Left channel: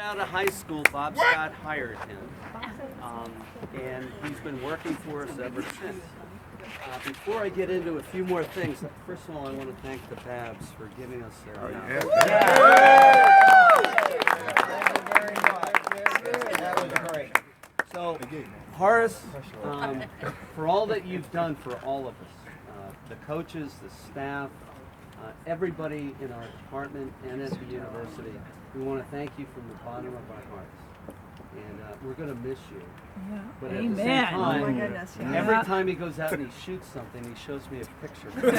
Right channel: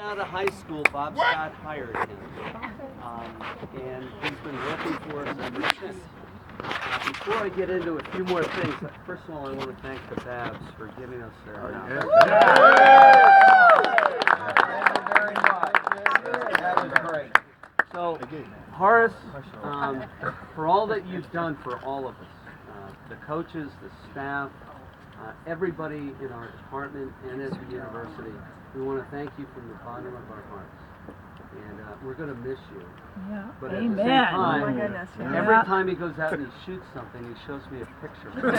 Out of high school, Bob Scott hired him, and he's been working for us ever since. Before I get into a few more things, first of all, I want to thank the Babs for giving us their house. Thank you very much. That was great. So, Horace, for all that you've done for all of us, the coaches, the staff, everybody in our department and at the university, we want to thank you from the bottom of our hearts. And we're going to miss you. Yeah. But Amen. at the same time, Oh my goodness, yeah. every time he goes out and he shoots something, he shows me a picture. You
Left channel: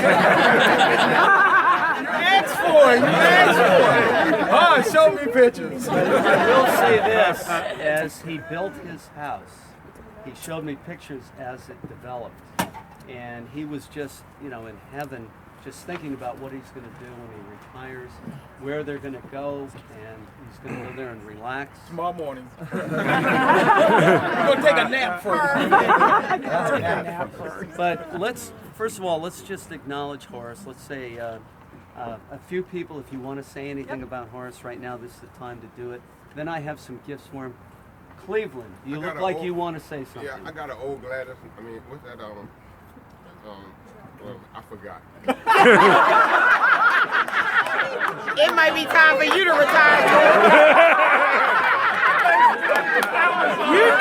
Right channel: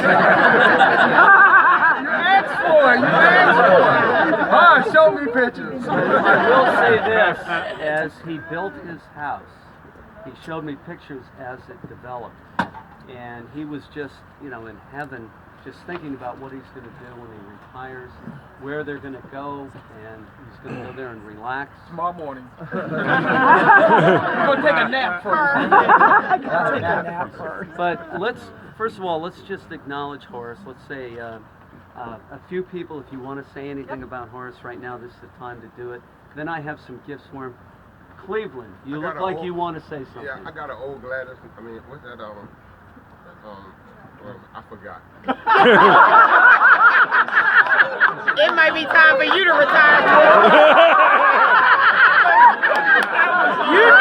asked for it. You asked for it. Oh, show me pictures. I will say this, as he built his house, he showed me pictures as it developed. And he was just, in heaven, just thinking about what he's going to do when he retires, where they're going to go, and he's going to go there and relax. Tomorrow morning. We're going to take a nap first. But first of all, let's just acknowledge Horace. Let's say a few people, if you want to say anything about Horace right now, this is the time to do it. Then I have some gifts for him. Cleveland, you look like you want to say something. Yeah, I got an old Gladys. I mean, what's that? Well, I forgot. It might be time for you to retire. You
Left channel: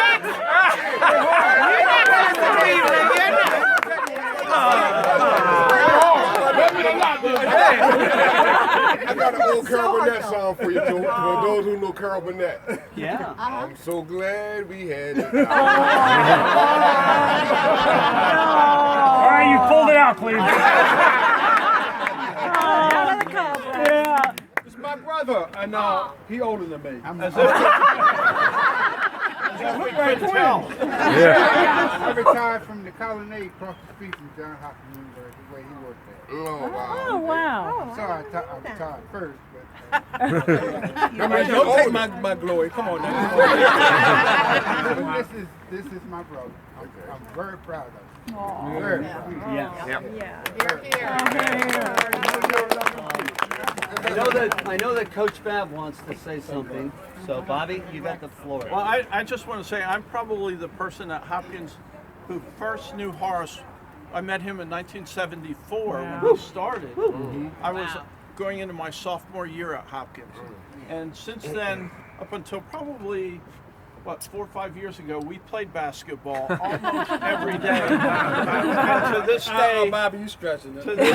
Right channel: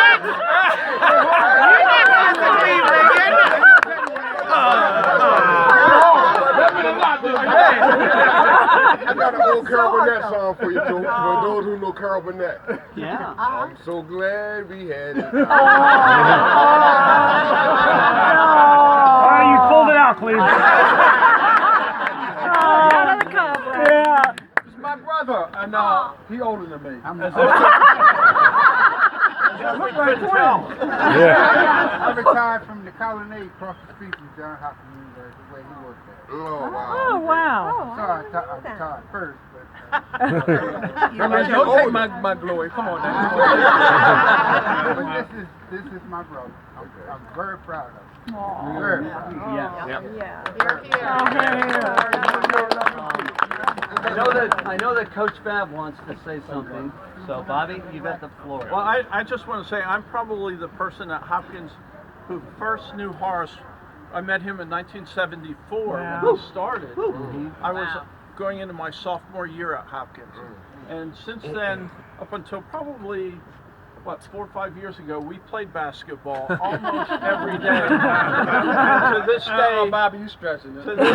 I got an old Carol Burnett song for you, Joe. For those who know Carol Burnett. Yeah. I'm so glad we had it. All right, you pulled it out, Cleveland. Yeah. It's my brother, and he older than me. I retired from the colonnade across the street from John Hopkins University, where he worked at. Oh, wow. Sorry, I retired first, but Don't take my glory. Come on now. but this is my brother. I'm very proud of him. Very proud. I know that Coach Babb wants to say something. So, Bobby, you got the floor. Well, I just want to say I'm probably the person at Hopkins who first knew Horace. I met him in 1974 when he started. I was going into my sophomore year at Hopkins. And since then, up until probably, 4 or 5 years ago, we played basketball almost every day. And to this day, Bobby, you stretching it. to this day,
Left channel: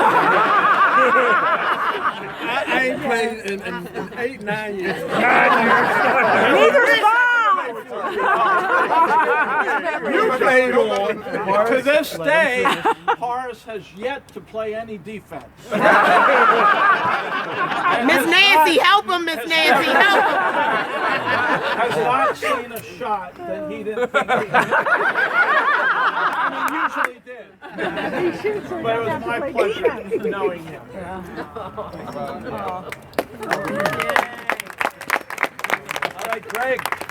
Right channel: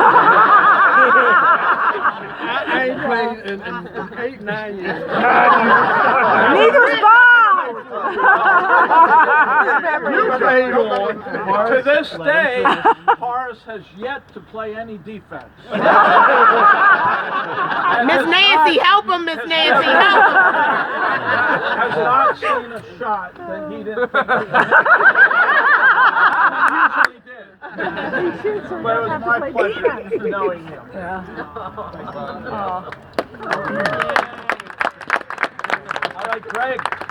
I ain't played in 8-9 years. Neither's Bob. You played on. to this day, Horace has yet to play any defense. Miss Nancy, help him, Miss Nancy, help him. Has not seen a shot that he didn't think he usually did. But it was my pleasure knowing him. All right,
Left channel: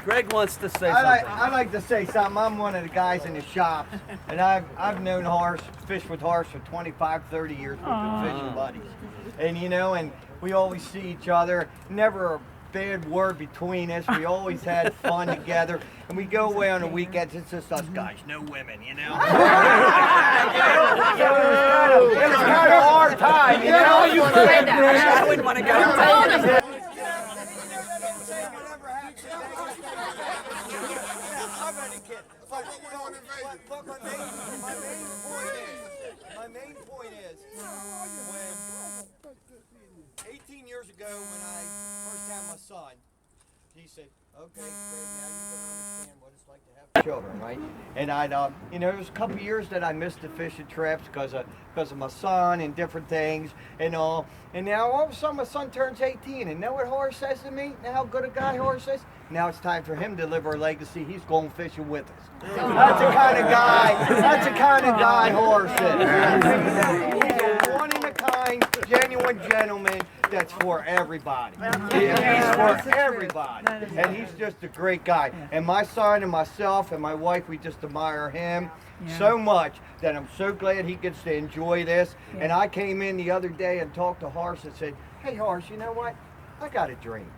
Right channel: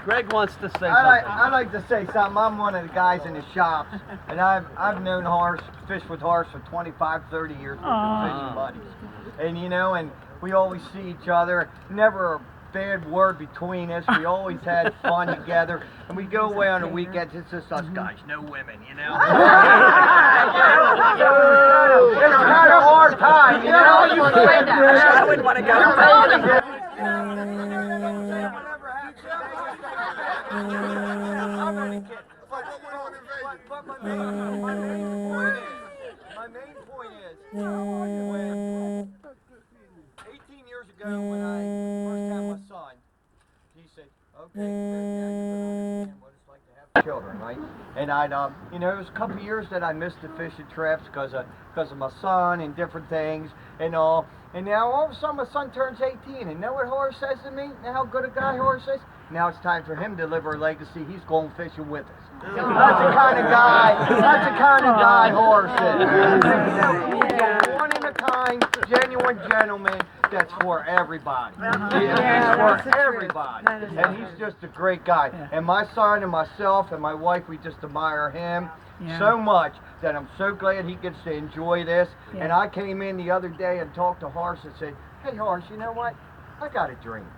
Greg wants to say something. I like to say something. I'm one of the guys in the shop, and I've known Horace, fished with Horace for 25, 30 years. We've been fishing buddies. And and we always see each other. Never a bad word between us. We always had fun together. And we go away on the weekends. It's just us guys, no women, So it's kind of a hard time, You said that. I wouldn't want to go. But my main point is, 18 years ago when I first had my son, he said, okay, Greg, now you can understand what it's like to have children, right? And there was a couple of years that I missed the fishing trips because of my son and different things and all. And now all of a sudden my son turns 18, and know what Horace says to me? Know how good a guy Horace is? Now it's time for him to live our legacy. He's going fishing with us. That's the kind of guy Horace is. He's a one-in-a-kind, genuine gentleman that's for everybody. He's for everybody. And he's just a great guy. And my son and myself and my wife, we just admire him so much that I'm so glad he gets to enjoy this. And I came in the other day and talked to Horace and said, hey Horace, you know what? I got a dream.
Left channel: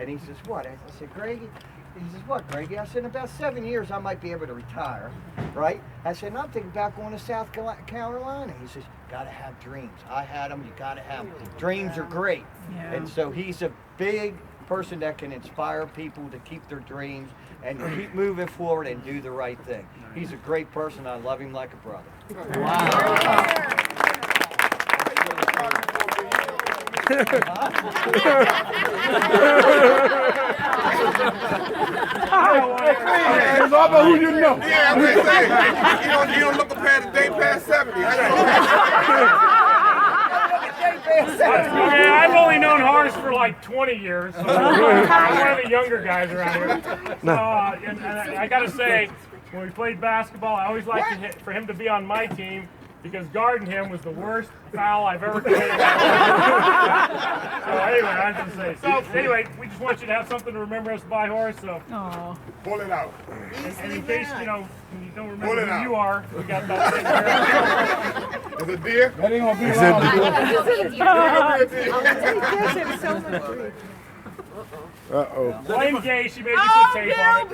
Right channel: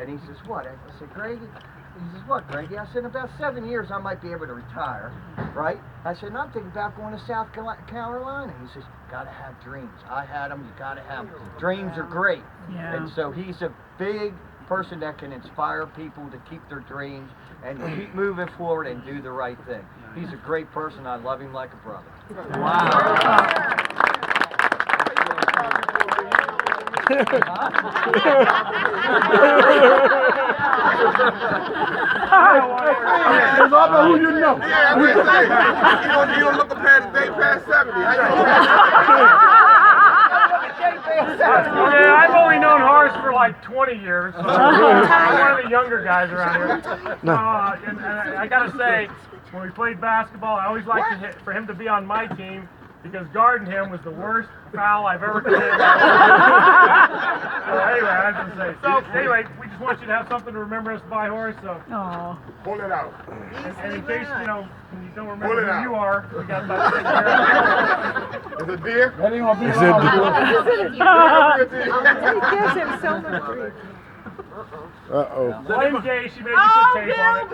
And he says, what? I said, Greggy. He says, what, Greggy? I said, in about 7 years, I might be able to retire, right? I said, and I'm thinking about going to South Carolina. He says, gotta have dreams. I had them, you gotta have them. Dreams are great. Yeah. And so he's a big person that can inspire people to keep their dreams and keep moving forward and do the right thing. He's a great person. I love him like a brother. It's all about who you know. Yeah, I'm just saying. You don't look a day past 70. Yeah, I've only known Horace for like 20 years. So I'm one of the younger guys around here. And I gotta say, when we played basketball, I always liked for him to be on my team because guarding him was the worst foul I've ever committed. So anyway, I just say. So anyway, we just want you to have something to remember us by, Horace. So. Aw. Pull it out. And in case you don't Pull remember it who out. you are, we got that. Is it deer? That ain't gonna be long. Uh-oh. Blame Gay, she made you put tape on it.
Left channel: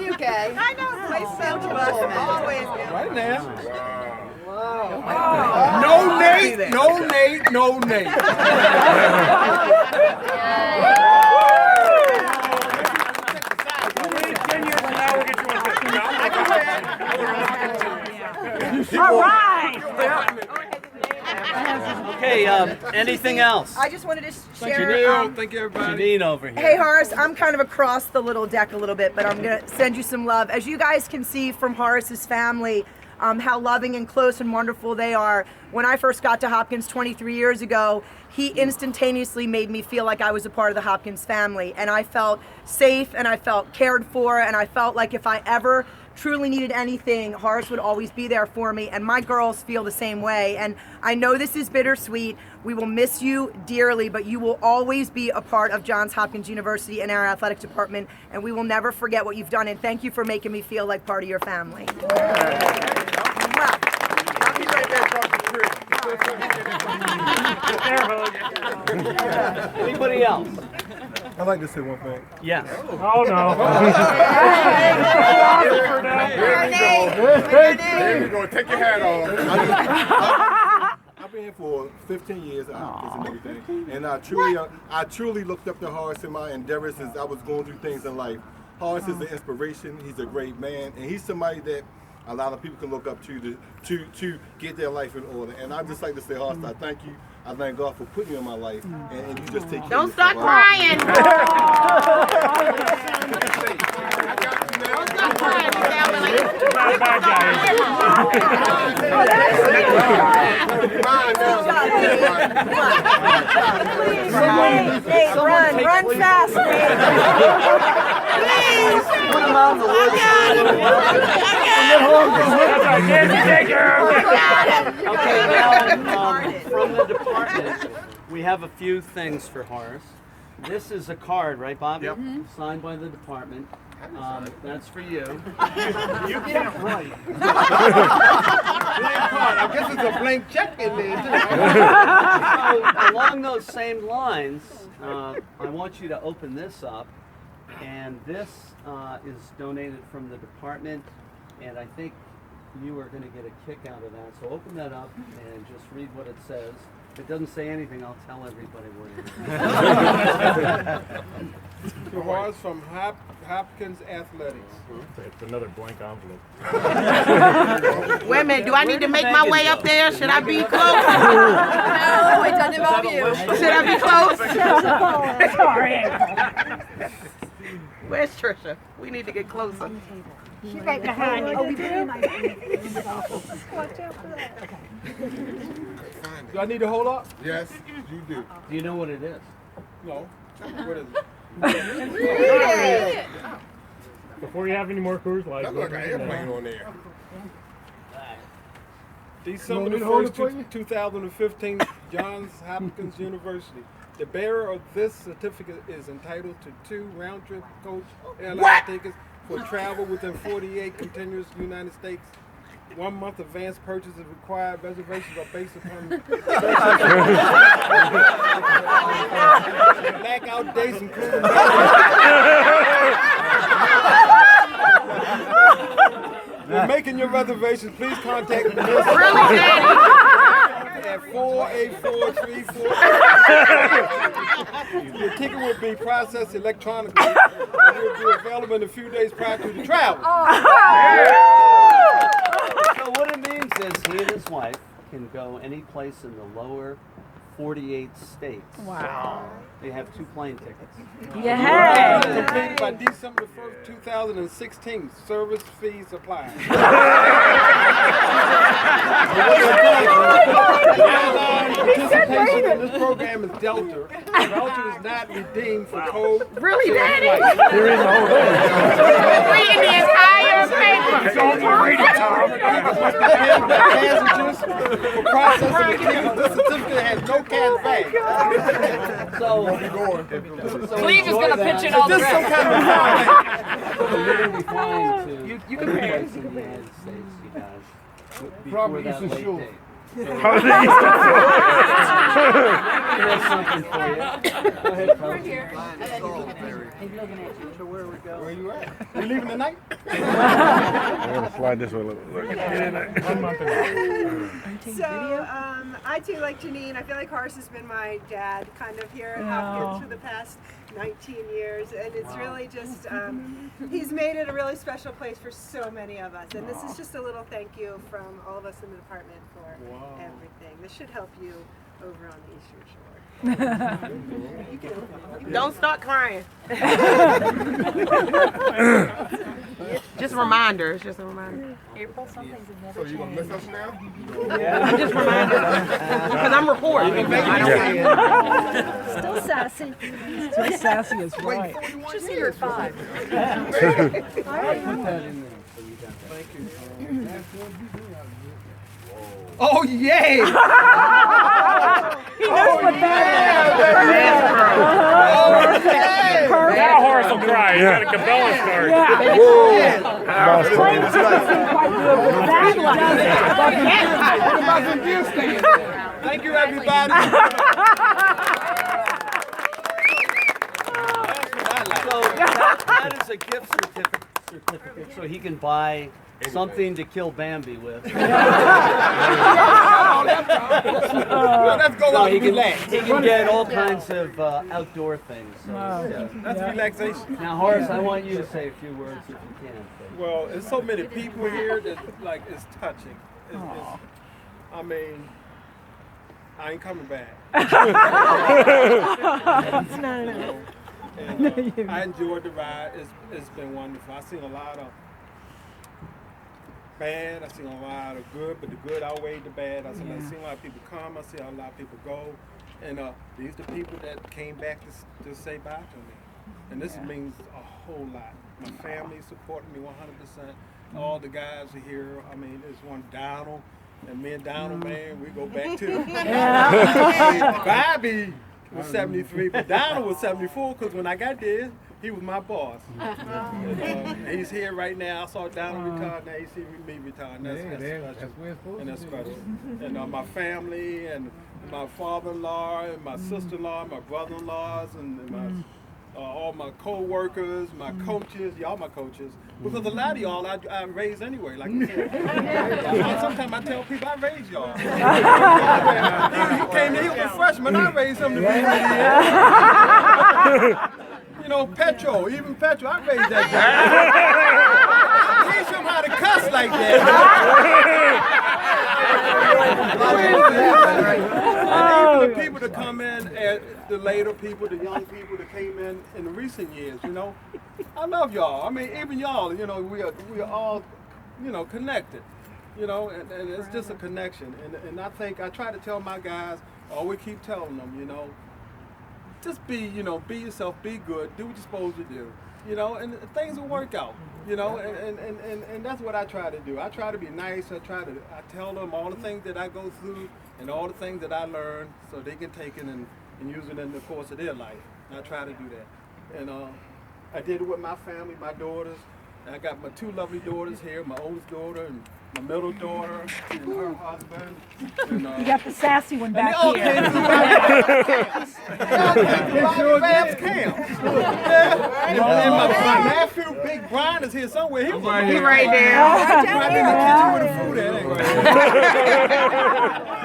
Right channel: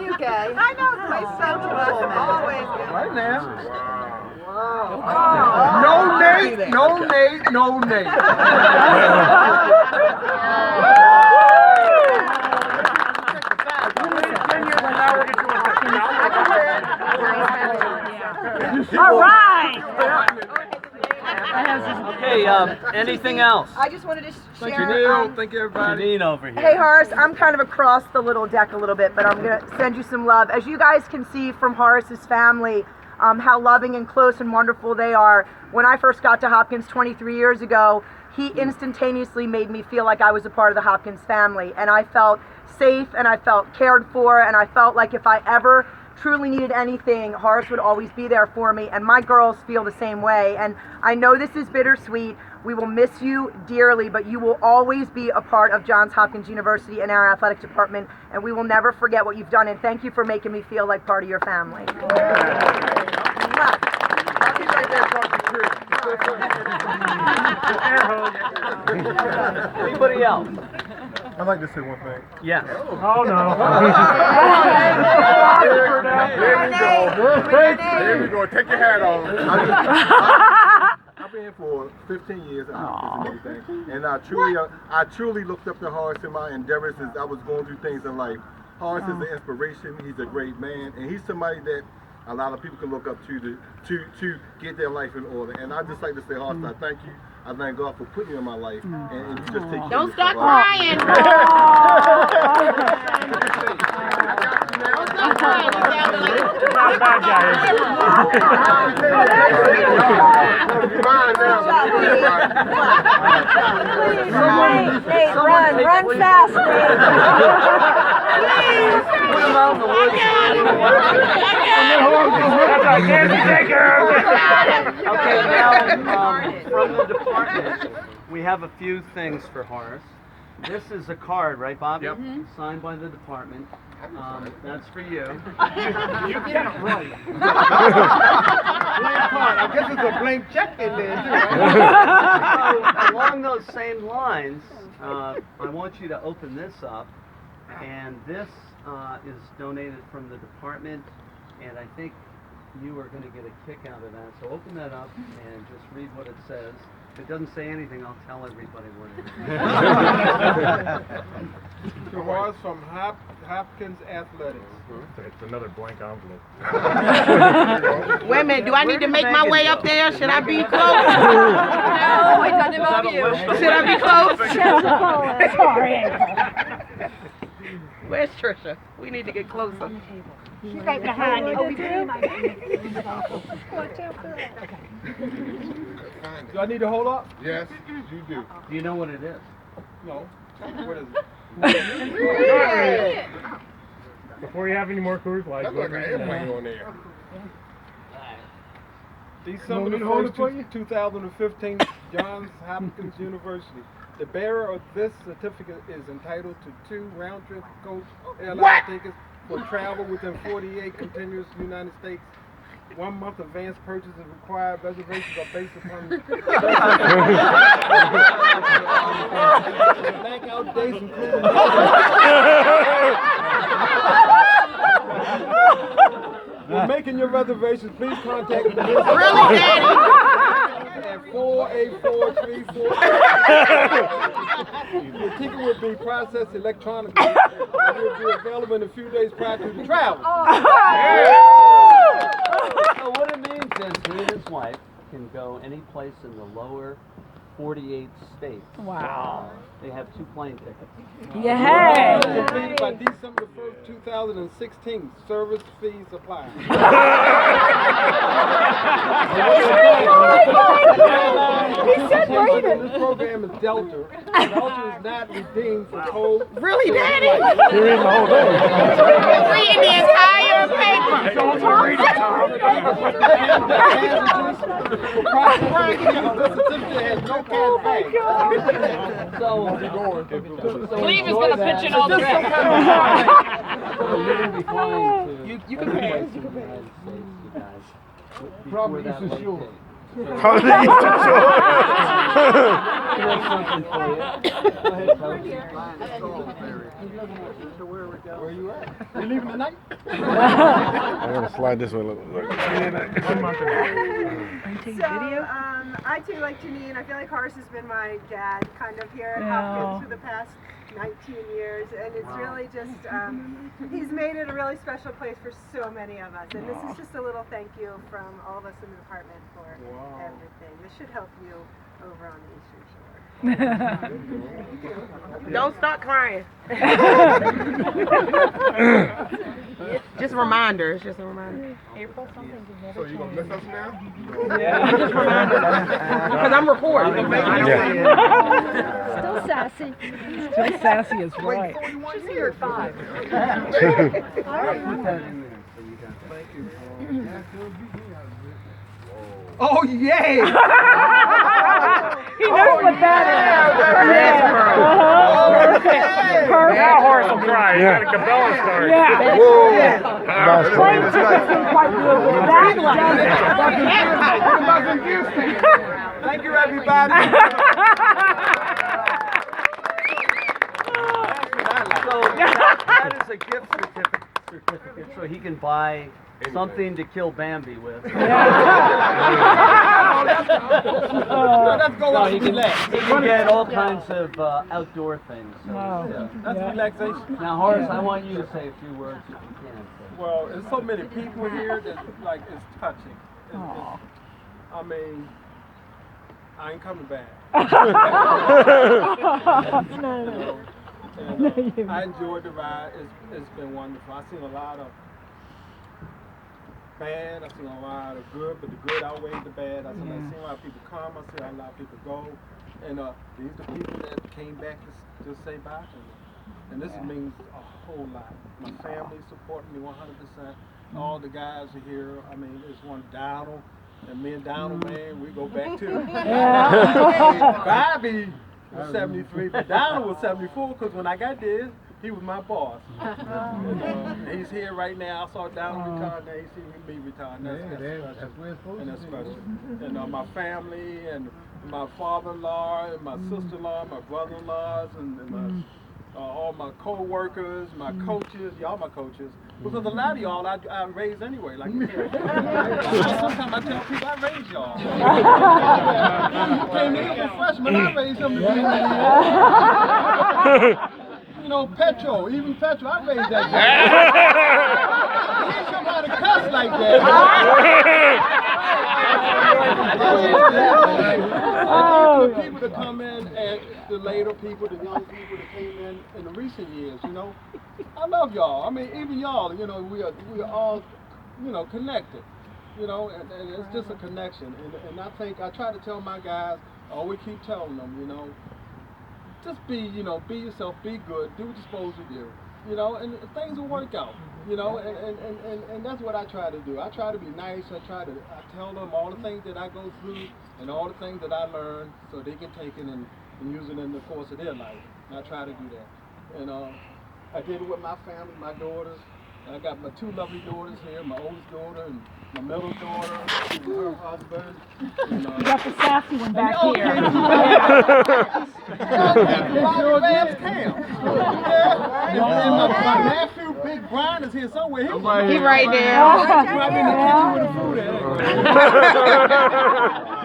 You gay. I know. Such a always. Right now. Wow. No Nate, no Nate, no Nate. 10 years from now, we'll get you a picture. All right. Okay, anything else? I just wanted to Thank share. you, Neil. Thank you, everybody. Janine over here. Hey Horace, I'm kind of across the little deck a little bit, but I'm gonna send you some love. As you guys can see from Horace's family, how loving and close and wonderful they are. When I first got to Hopkins 23 years ago, he instantaneously made me feel like I was a part of the Hopkins family, and I felt safe and I felt cared for, and I felt like if I ever truly needed anything, Horace would always be there for me, and my girls feel the same way. And I know this is bittersweet. We will miss you dearly, but you will always be a part of Johns Hopkins University and our athletic department, and we will never forget what you've done, and thank you for making me feel like part of your family. Anybody else? I'd like to say one thing. Yes. Oh no. There you go. Take your hat off. I've been here for 15 years at Hopkins and everything, and I truly looked up to Horace in my endeavors as I was going through things in life. Horace is an inspiration. He's a great man, and he's somebody that a lot of people can look up to get their life in order. And I just like to say, Horace, I thank you. I thank God for putting you in my life, and you just take care Don't of start yourself. crying. Don't start crying. Not a bad guy. Run fast, Okay, now from the department, we have a few things for Horace. This is a card, right, Bobby? Yep. Signed by the department. That's for you. You can't write. This is a blank check in there, too. So, along those same lines, I want you to open this up. And this is donated from the department. And I think you are going to get a kick out of that. So open that up and just read what it says. If it doesn't say anything, I'll tell everybody what it is. It was from Hopkins Athletics. It's another blank envelope. Wait a minute, do I need to make my way up there? Should I be close? No, it doesn't involve you. Should I be close? Sorry. Where's Trisha? We need to get closer. She's right behind you. Do I need to hold up? Yes, you do. Do you know what it is? No. What is it? Before you have any more Coors Light, That look like an airplane on there. December the 1st, 2015, Johns Hopkins University. The bearer of this certificate is entitled to 2 round-trip coach airline tickets for travel within 48 continuous United States 1 month advance purchase is required. Reservations are based upon blackout dates including. When making your reservations, please contact me at 48434. Your ticket will be processed electronically and will be available in a few days prior to the travel. So what it means is he and his wife can go any place in the lower 48 states. Wow. They have 2 plane tickets. Yeah. Completed by December 1st, 2016. Service fees apply. Participation in this program is Delta. Delta is not redeemed for code. Really, Daddy? Reading the entire paper. Don't you read it, Tom? Passages for processing the tickets. This certificate has no cash back. So Cleve is going to pitch in all the rest. you're going to be flying to every place in the United States, you guys, before that late date. Here's something for you. Go ahead, Coach. So where are we going? Where you at? You leaving tonight? I'm gonna slide this one. Look. 1 month ago. So, I too, like Janine, I feel like Horace has been my dad kind of here at Hopkins for the past 19 years, and it's really just, he's made it a really special place for so many of us, and this is just a little thank you from all of us in the department for everything. This should help you over on the Eastern Shore. Don't start crying. Just reminders. Just a reminder. April, something's never So you gonna miss us now? I'm just reminded. Because I'm reporting. Still sassy. Still sassy as well. She's here at 5. Oh, yay! He knows what that is. Now Horace will cry. He's got a Cabela's card. Plane tickets seem quite good, but that doesn't. Thank you, everybody. So that is a gift certificate, so he can buy something to kill Bambi with. Let's go No, out he and can relax. get all kinds of outdoor things. So, That's relaxation. Now, Horace, I want you to say a few words if you can. Well, there's so many people here that like it's touching. I mean, I ain't coming back. No. And I enjoyed the ride. It's been wonderful. I've seen a lot of bad. I've seen a lot of good, but the good outweighed the bad. I've seen a lot of people come. I've seen a lot of people go. And these are the people that came back to say bye to me. And this means a whole lot. My family supporting me 100%. All the guys are here. I mean, there's one Donald. And me and Donald, man, we go back to Bobby was 73, but Donald was 74 because when I got there, he was my boss. And he's here right now. I saw Donald retire. Now you see me retire. That's special. And that's special. And my family and my father-in-law and my sister-in-law, my brother-in-laws, and my all my co-workers, my coaches, y'all my coaches. Because a lot of y'all I raised anyway. Like sometimes I tell people I raised y'all. He came in, he was a freshman, I raised him to be you know, Petro, even Petro, I raised that guy. Teach him how to cuss like that. And the people that come in, and the later people, the young people that came in the recent years, you know, I love y'all. I mean, even y'all, you know, we are all, you know, connected, you know, and it's just a connection. And I think I try to tell my guys, I always keep telling them, you know, just be, you know, be yourself, be good, do what you're supposed to do, you know, and things will work out, you know, and that's what I try to do. I try to be nice. I tell them all the things that I go through and all the things that I learn so they can take it and use it in the course of their life. And I try to do that. And I did it with my family, my daughters. I got my two lovely daughters here, my oldest daughter and my middle daughter and her husband. And, You got the sassy one back and here. And my nephew, Big Brian, is here somewhere. He's right there. right in the kitchen with the food at.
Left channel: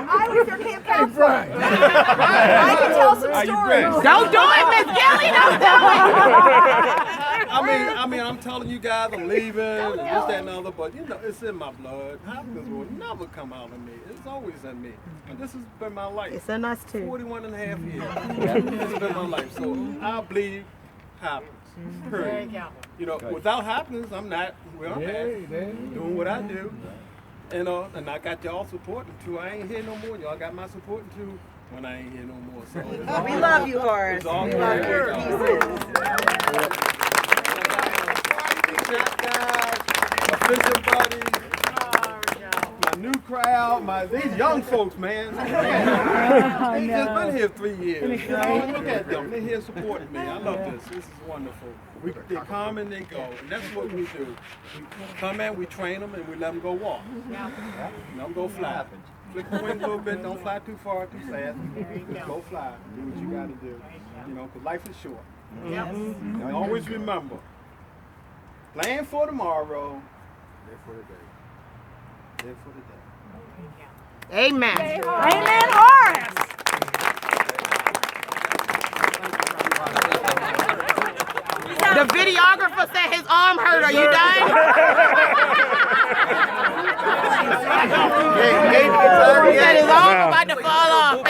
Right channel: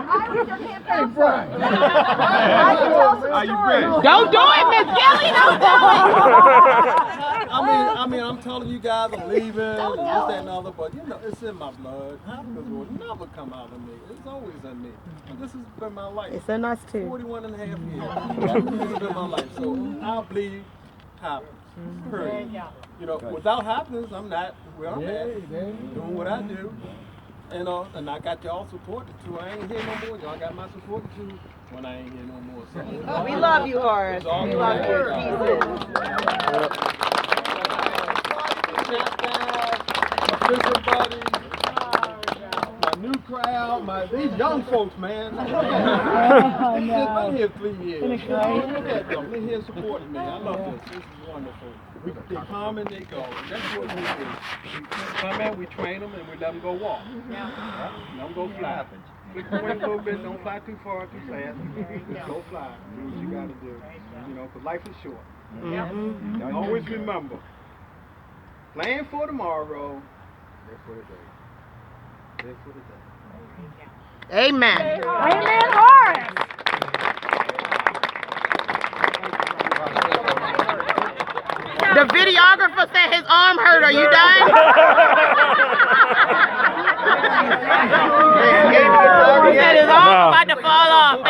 I was their camp counselor. I can tell some stories. Don't do it, Miss Kelly. Don't do it. I mean, I'm telling you guys, I'm leaving, and this, that, and the other, but you know, it's in my blood. Hopkins will never come out of me. It's always in me. And this has been my life. It's in us too. 41 and a half years. This has been my life. So I believe Hopkins. Period. You know, without Hopkins, I'm not where I'm at. Doing what I do. You know, and I got y'all supporting too. I ain't here no more. Y'all got my supporting too when I ain't here no more. So We love you, Horace. We love your pieces. My fishing buddies, my new crowd, these young folks, man. They've just been here 3 years. You know, look at them. They're here supporting me. I love this. This is wonderful. They come and they go. And that's what we do. We come in, we train them, and we let them go walk. Let them go fly. Flick the wings a little bit. Don't fly too far, too fast. Go fly. Do what you got to do. You know, because life is short. And always remember, plan for tomorrow, live for the day. Live for the day. Amen. Amen, Horace. The videographer said his arm hurt. Are you done? He said his arm about to fall off.